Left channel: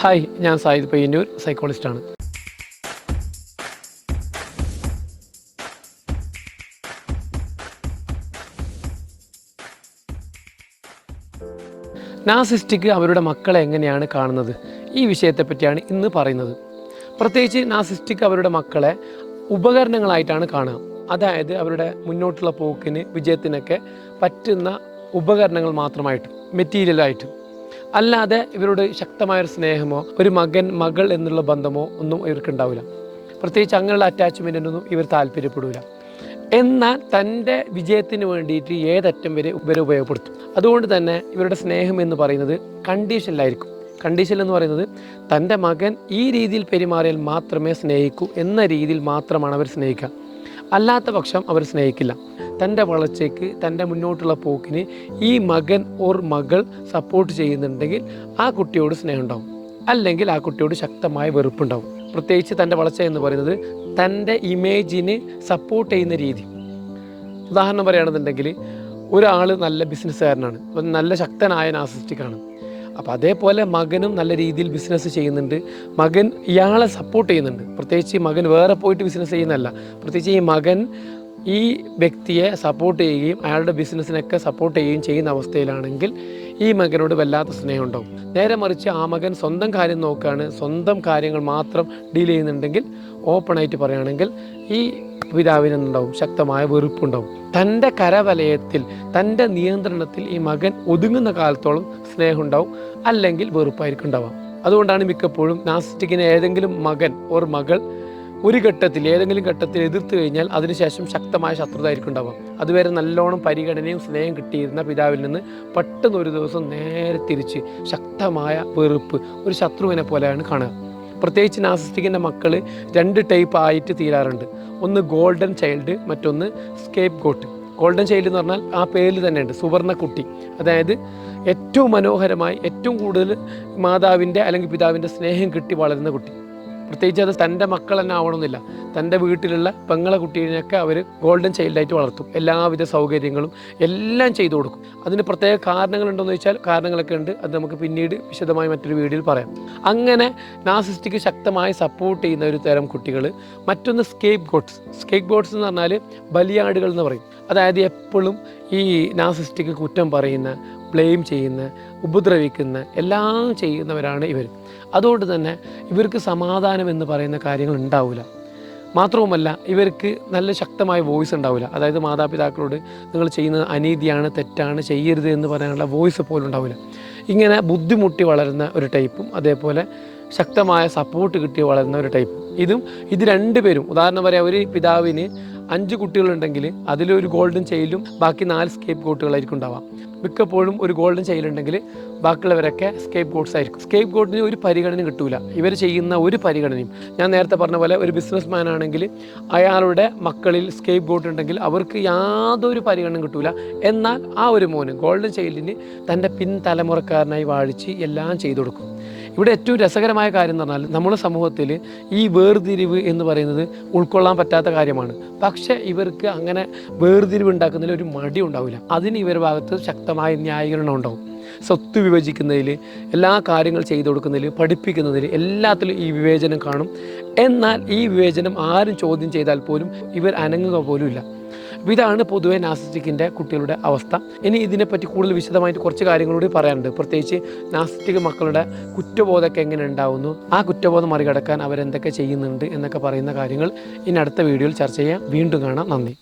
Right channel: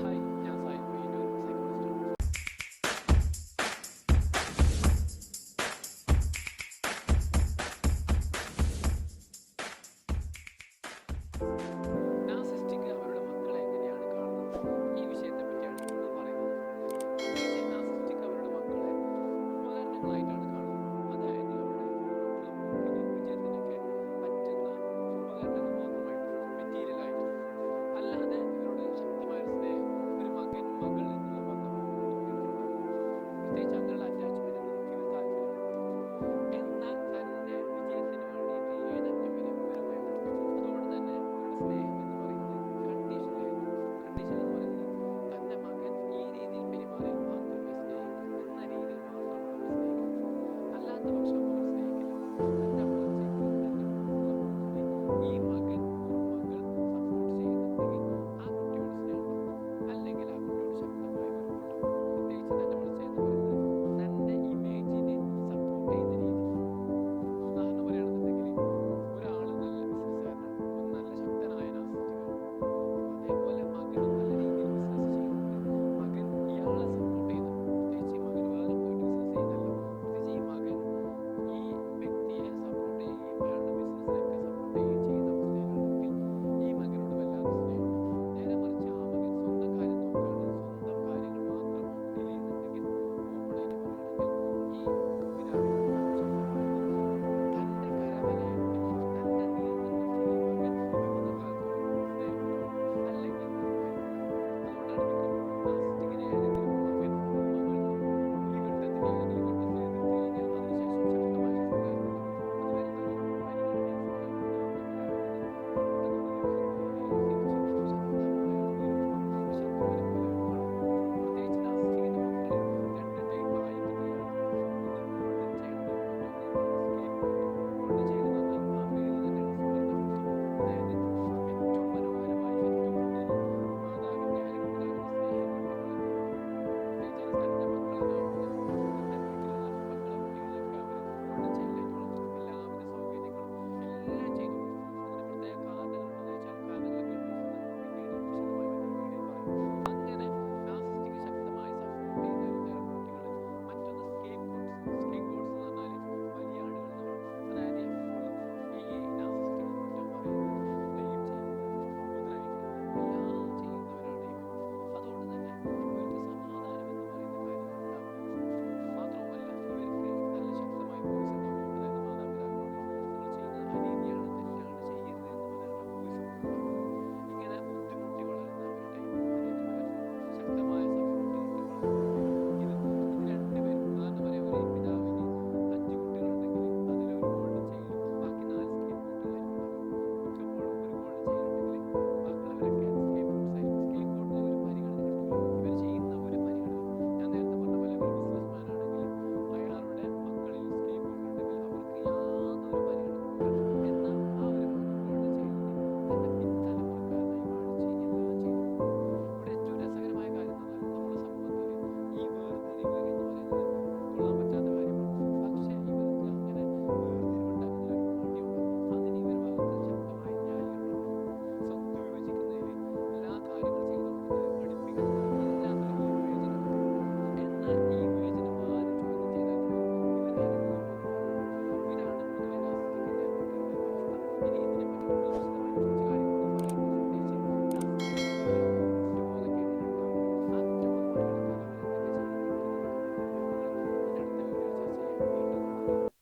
Hi ഞാൻ Zayed Payyanur സൈക്കോളജിസ്റ്റാണ് narcissistic അവരുടെ മക്കളെ എങ്ങനെയാണ് കാണുന്നത്? ഈ വിഷയത്തെ പറ്റിയാണ് ഇന്ന് പറയുന്നത്. പ്രത്യേകിച്ച് നാസിസ്റ്റിക് അവരുടെ മക്കളെ ഉപകരണങ്ങളായിട്ടാണ് കാണുക. അതായത് അവരുടെ മുന്നോട്ടുള്ള പോക്കിന് വിജയത്തിനൊക്കെ പറ്റുന്ന ഉപകരണങ്ങൾ മാത്രമായിട്ട് മെറ്റീരിയലായിട്ട് അല്ലാതെ ഇവരോട് ശക്തമായൊരു സ്നേഹമോ ഒരു മകൻ മകൾ എന്നുള്ള ബന്ധമോ ഒന്നും ഇവർക്കുണ്ടാവില്ല പ്രത്യേകിച്ച് അങ്ങനെയുള്ള അറ്റാച്ച്മെന്റിനൊന്നും ഇവർ താല്പര്യപ്പെടില്ല എന്നാൽ തന്റെ വിജയത്തിന് വേണ്ടിയിട്ട് ഏതറ്റം വരെ ഇവരെ ഉപയോഗപ്പെടുത്തും. അതുകൊണ്ട് തന്നെ ഇവരുടെ സ്നേഹം എന്ന് പറയുന്നത് കണ്ടീഷനിലായിരിക്കും കണ്ടീഷൻ എന്ന് പറയുന്നത് തന്റെ മകൻ ഈ രീതിയിൽ പെരുമാറിയാൽ മാത്രമേ സ്നേഹിക്കൂ എന്ന രീതിയിൽ മാത്രമാണ് അവർ സ്നേഹിക്കുക. അല്ലാത്ത പക്ഷം അവർ സ്നേഹിക്കില്ല. തന്റെ വളർച്ചയ്ക്ക് തന്റെ മുന്നോട്ടുള്ള പോക്കിന് ഈ മകൻ ഓർ മകൾ സപ്പോർട്ട് ചെയ്യുന്നുണ്ടെങ്കിൽ ആ കുട്ടിയോട് സ്നേഹം ഉണ്ടാവും അല്ലെങ്കിൽ ആ കുട്ടിയോട് ശക്തമായ വെറുപ്പുണ്ടാവും. പ്രത്യേകിച്ച് തന്റെ വളർച്ച എന്ന് പറയുന്നത് തന്റെ ഇമേജിന് സപ്പോർട്ട് ചെയ്യുന്ന രീതി. ഉദാഹരണം പറയുകയാണെന്നുണ്ടെങ്കിൽ ഒരാൾ നല്ല ബിസിനസ്സുകാരനാണ് നല്ല ശക്തനായ നാസിസ്റ്റിക്കാണ് അപ്പോൾ അതേപോലെ മകനും നല്ല രീതിയിൽ ബിസിനസ് ചെയ്യുന്നുണ്ട്. മകൻ ഇയാളെ സപ്പോർട്ട് ചെയ്യുന്നുണ്ട്. പ്രത്യേകിച്ച് മകൻ വേറെ പോയിട്ട് ബിസിനസ് ചെയ്യുന്നതല്ല. പ്രത്യേകിച്ച് ഈ മകൻ ഈ വ്യക്തിയെ സപ്പോർട്ട് ചെയ്യുകയും അയാളുടെ ബിസിനസ്സിനൊക്കെ സപ്പോർട്ട് ചെയ്യുകയും ചെയ്യുന്ന അവസ്ഥയിലാണെങ്കിൽ ഈ മകനോട് വല്ലാത്ത സ്നേഹം ഉണ്ടാവും നേരെ മറിച്ച് ആ മകൻ സ്വന്തം കാര്യം നോക്കുകയാണ്. സ്വന്തം കാര്യങ്ങൾ മാത്രം ഡീൽ ചെയ്യുന്നുണ്ടെങ്കിൽ ഓപ്പണായിട്ട് പറയുകയാണെങ്കിൽ ഈ പിതാവിനുണ്ടാവും ശക്തമായ വെറുപ്പുണ്ടാവും. തന്റെ കരവലയത്തിൽ തന്റെ നിയന്ത്രണത്തിൽ ഈ മകൻ ഒതുങ്ങുന്ന കാലത്തോളം സ്നേഹം ഉണ്ടാവും അല്ലെങ്കിൽ വെറുപ്പായിരിക്കും ഉണ്ടാവാം അതുകൊണ്ടാണ് മിക്കപ്പോഴും നാസ്റ്റിക്കിന് ഏതെങ്കിലും മകൻ ഓർ മകൾ ഒരു ഘട്ടത്തിൽ ഏതെങ്കിലും ഘട്ടത്തിൽ എതിർത്ത് കഴിഞ്ഞാൽ അതിനുശേഷം ശക്തമായ ശത്രുതായിരിക്കും ഉണ്ടാവുക. അതുവരെ നല്ലോണം പരിഗണനയും സ്നേഹം കിട്ടിയിരുന്ന പിതാവിൽ നിന്ന് പെട്ടെന്ന് ഒരു ദിവസം നേരെ തിരിച്ച് ശക്തമായ വെറുപ്പ് ഒരു ശത്രുവിനെ പോലെയാണ് കാണുക. പ്രത്യേകിച്ച് നാസിസ്റ്റിക്കിന്റെ മക്കൾ രണ്ട് ടൈപ്പ് ആയിട്ട് തീരാറുണ്ട്. ഒന്ന് ഗോൾഡൻ ചൈൽഡ് മറ്റൊന്ന് സ്കേപ്പ് ഗോട്ട്. ഗോൾഡൻ ചൈൽഡ് എന്ന് പറഞ്ഞാൽ ആ പേരിൽ തന്നെയുണ്ട് സുവർണ കുട്ടി. അതായത് ഏറ്റവും മനോഹരമായി ഏറ്റവും കൂടുതൽ മാതാവിന്റെ അല്ലെങ്കിൽ പിതാവിന്റെ സ്നേഹം കിട്ടി വളരുന്ന കുട്ടി. പ്രത്യേകിച്ച് അത് തന്റെ മക്കൾ തന്നെ ആവണമെന്നില്ല. തന്റെ വീട്ടിലുള്ള പെങ്ങളെ കുട്ടീനെയൊക്കെ അവർ ഗോൾഡൻ ചൈൽഡായിട്ട് വളർത്തും. എല്ലാവിധ സൗകര്യങ്ങളും എല്ലാം ചെയ്തു കൊടുക്കും. അതിന് പ്രത്യേക കാരണങ്ങളുണ്ടോയെന്ന് ചോദിച്ചാൽ കാരണങ്ങളൊക്കെ ഉണ്ട്. അത് നമുക്ക് പിന്നീട് വിശദമായി മറ്റൊരു വീഡിയോയിൽ പറയാം. അങ്ങനെ നാസിസ്റ്റിക്ക് ശക്തമായി സപ്പോർട്ട് ചെയ്യുന്ന ഒരു തരം കുട്ടികൾ മറ്റൊന്ന് സ്കേപ്പ് ഗോട്ട്സ് സ്കേപ്പ് ഗോട്ട്സ് എന്ന് പറഞ്ഞാൽ ബലിയാടുകൾ എന്ന് പറയും. അതായത് എപ്പോഴും ഈ നാസിസ്റ്റിക്ക് കുറ്റം പറയുന്ന ബ്ലെയിം ചെയ്യുന്ന ഉപദ്രവിക്കുന്ന എല്ലാം ചെയ്യുന്നവരാണ് ഇവർ. അതുകൊണ്ട് തന്നെ ഇവർക്ക് സമാധാനം എന്ന് പറയുന്ന കാര്യങ്ങൾ ഉണ്ടാവില്ല മാത്രവുമല്ല ഇവർക്ക് നല്ല ശക്തമായ വോയിസ് ഉണ്ടാവില്ല അതായത് മാതാപിതാക്കളോട് നിങ്ങൾ ചെയ്യുന്നത് അനീതിയാണ് തെറ്റാണ് ചെയ്യരുത് എന്ന് പറയാനുള്ള വോയിസ് പോലും ഉണ്ടാവില്ല ഇങ്ങനെ ബുദ്ധിമുട്ടി വളരുന്ന ഒരു ടൈപ്പും അതേപോലെ ശക്തമായ സപ്പോർട്ട് കിട്ടി വളരുന്ന ഒരു ടൈപ്പും. ഇതും ഇത് രണ്ടുപേരും. ഉദാഹരണം പറയാം ഒരു പിതാവിന് അഞ്ച് കുട്ടികളുണ്ടെങ്കിൽ അതിലൊരു ഗോൾഡൻ ചെയിലും ബാക്കി നാല് സ്കേപ്പ് ഗോട്ടുകളായിരിക്കും ഉണ്ടാവാം മിക്കപ്പോഴും ഒരു ഗോൾഡൻ ചെയിലുണ്ടെങ്കിൽ ബാക്കിയുള്ളവരൊക്കെ സ്കേപ്പ് ഗോട്ട്സ് ആയിരിക്കും. സ്കേപ്പ് ഗോട്ടിന് ഒരു പരിഗണന കിട്ടൂല. ഇവർ ചെയ്യുന്ന ഒരു പരിഗണനയും. ഞാൻ നേരത്തെ പറഞ്ഞ പോലെ ഒരു ബിസിനസ് മാൻ ആണെങ്കിൽ അയാളുടെ മക്കളിൽ സ്കേപ്പ് ഗോട്ട് ഉണ്ടെങ്കിൽ അവർക്ക് യാതൊരു പരിഗണന കിട്ടൂല. എന്നാൽ ആ ഒരു മോന് ഗോൾഡൻ ചൈൽഡിന് തന്റെ പിൻതലമുറക്കാരനായി വാഴിച്ച് എല്ലാം ചെയ്തു കൊടുക്കും. ഇവിടെ ഏറ്റവും രസകരമായ കാര്യം എന്ന് പറഞ്ഞാൽ നമ്മുടെ സമൂഹത്തിൽ ഈ വേർതിരിവ് എന്ന് പറയുന്നത് ഉൾക്കൊള്ളാൻ പറ്റാത്ത കാര്യമാണ്. പക്ഷേ ഇവർക്ക് അങ്ങനെ വേർതിരിവ് ഉണ്ടാക്കുന്നതിൽ ഒരു മടി ഉണ്ടാവില്ല. അതിന് ഇവരുടെ ഭാഗത്ത് ശക്തമായ ന്യായീകരണം ഉണ്ടാവും. സ്വത്ത് വിഭജിക്കുന്നതിൽ എല്ലാ കാര്യങ്ങൾ ചെയ്തു കൊടുക്കുന്നതിൽ പഠിപ്പിക്കുന്നതിൽ എല്ലാത്തിലും ഈ വിവേചനം കാണും. എന്നാൽ ഈ വിവേചനം ആരും ചോദ്യം ചെയ്താൽ പോലും ഇവർ അനങ്ങുക പോലുമില്ല. അപ്പോൾ ഇതാണ് പൊതുവെ നാസിസ്റ്റിക്കിന്റെ കുട്ടികളുടെ അവസ്ഥ. ഇനി ഇതിനെപ്പറ്റി കൂടുതൽ വിശദമായിട്ട് കുറച്ച് കാര്യങ്ങളോട് പറയാനുണ്ട്. പ്രത്യേകിച്ച് നാസിസ്റ്റിക് മക്കളുടെ കുറ്റബോധമൊക്കെ എങ്ങനെ ഉണ്ടാവുന്നു? ആ കുറ്റബോധം മറികടക്കാൻ അവരെന്തൊക്കെ ചെയ്യുന്നുണ്ട് എന്നൊക്കെ പറയുന്ന കാര്യങ്ങൾ ഇനി അടുത്ത വീഡിയോയിൽ ചർച്ച ചെയ്യാം. വീണ്ടും കാണാം. നന്ദി.